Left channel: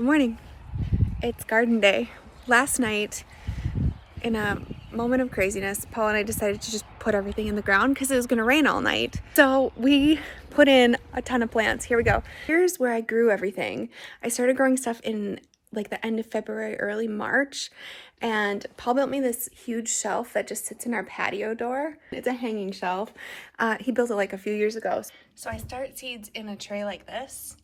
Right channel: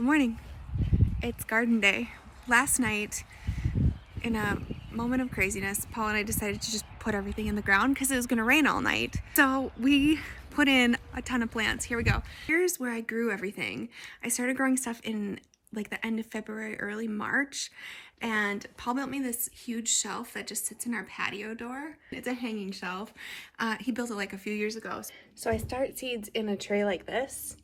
Good morning. It's garden day. Last night, in a moment of craziness, Paul and I decided to just put everything in the ground because it was going to rain all night. So we put in a ton of plants. Here we go. Here's where I grew everything. I started growing stuff in like the end of February, early March, and Paul built me this huge shelf that just sits in our patio door. It's a hanging shelf. He built it like a few years ago. So I start seeds in a tray like this.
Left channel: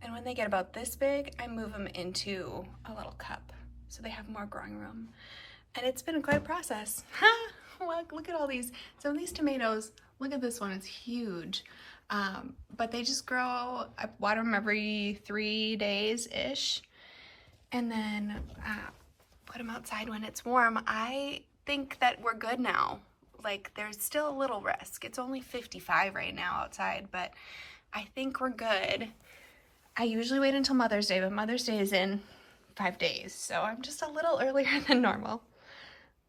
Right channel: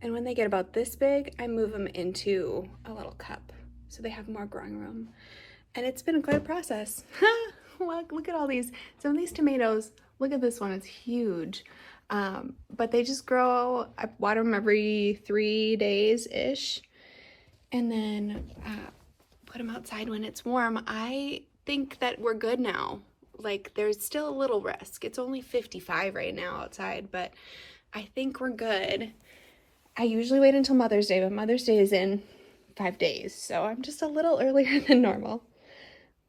And when they get about this big, I move them into a little cup so they have more growing room. And it's been quite a process. Look at all these. Some of these tomatoes, look at this one, it's huge. But they just grow. I water them every 3 days-ish. And then put them outside when it's warm. I think that we're good now. Like, there's still a little risk. It's only 55 right now outside, but I think we're good. I usually wait until Mother's Day, but Mother's Day is in 5 days, so I'm just a little earlier than normal.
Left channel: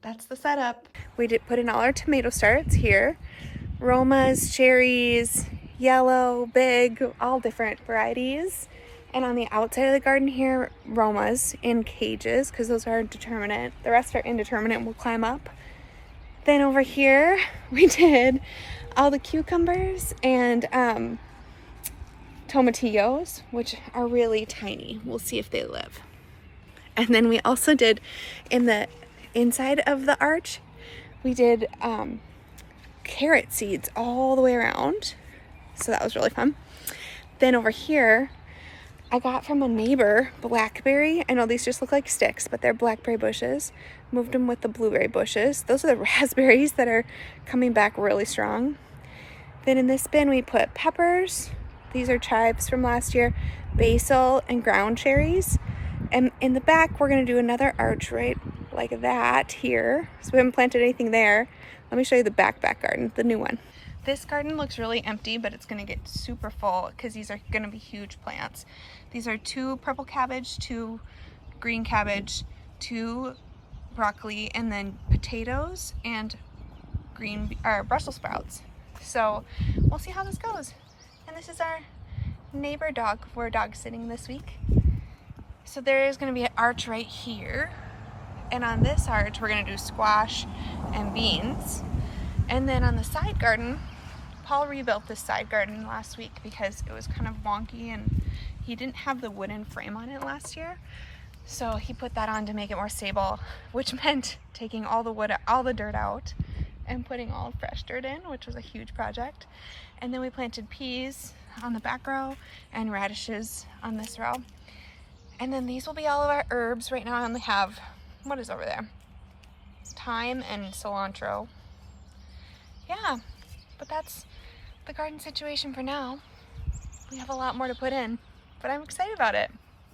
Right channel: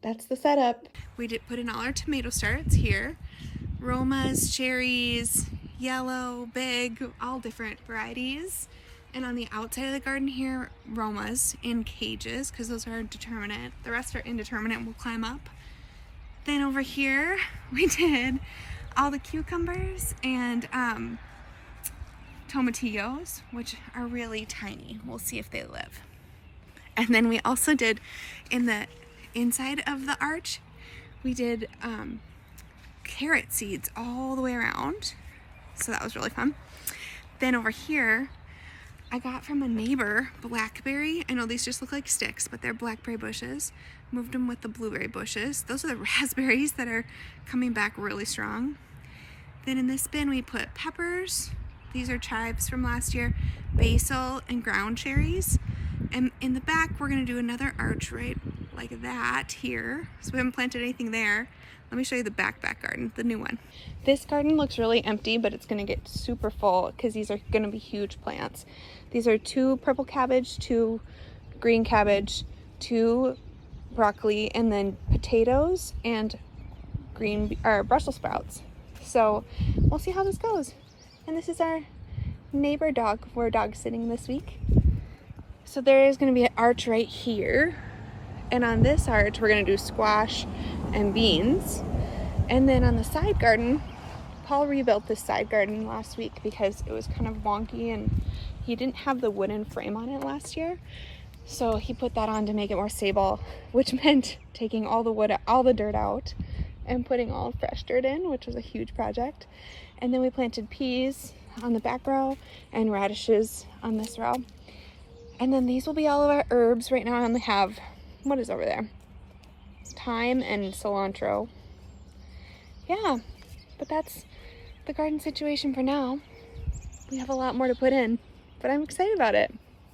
That's the setup. We did put in all our tomato starts here. Romas, cherries, yellow, big, all different varieties. And on the outside of the garden here, Romas in cages, because those are determinate. The rest are indeterminate, we'll climb up. Then over here, we did all the cucumbers and tomatillos, which are really tiny. We'll see if they live. And then we also did, in the inside of the arch, we did carrot seeds all the way around. So that was really fun. Then over here, I got from a neighbor blackberry. I know these just look like sticks, but they're blackberry bushes. Moved them with the blueberry bushes. Those are the raspberries that are coming back really strong. Then in this bin, we put peppers. These are chives from last year, basil, and ground cherries. And in the back, we're gonna do another arch right like that here. So we haven't planted anything there. Let me show you the back garden, the new one. This garden looks really empty, but it's gonna get super full because these are gonna be huge plants. These are 2 purple cabbage, 2 green cabbage, 2 broccoli, and then potatoes and Brussels sprouts. So we'll see how this goes. And this is our neighbor dog. We're dog sitting this week. So there is going to be an arch right here. And on this arch, we're going to do squash and beans. And then on the side garden, Paul rebuilt this side garden last week because it was kind of wonky and he didn't have the wooden frame on it last year. So he put that on to make it more stable, which meant taking all the wood, all the dirt out and putting all fresh dirt in, which was a huge project. And then we planted peas on the back row and radishes on this row. And then these will be all of our herbs. Right now I only have, what is over there? Thyme and cilantro. Yeah, but that's the garden situation for now. We have a lot more to put in, but I'm excited about it.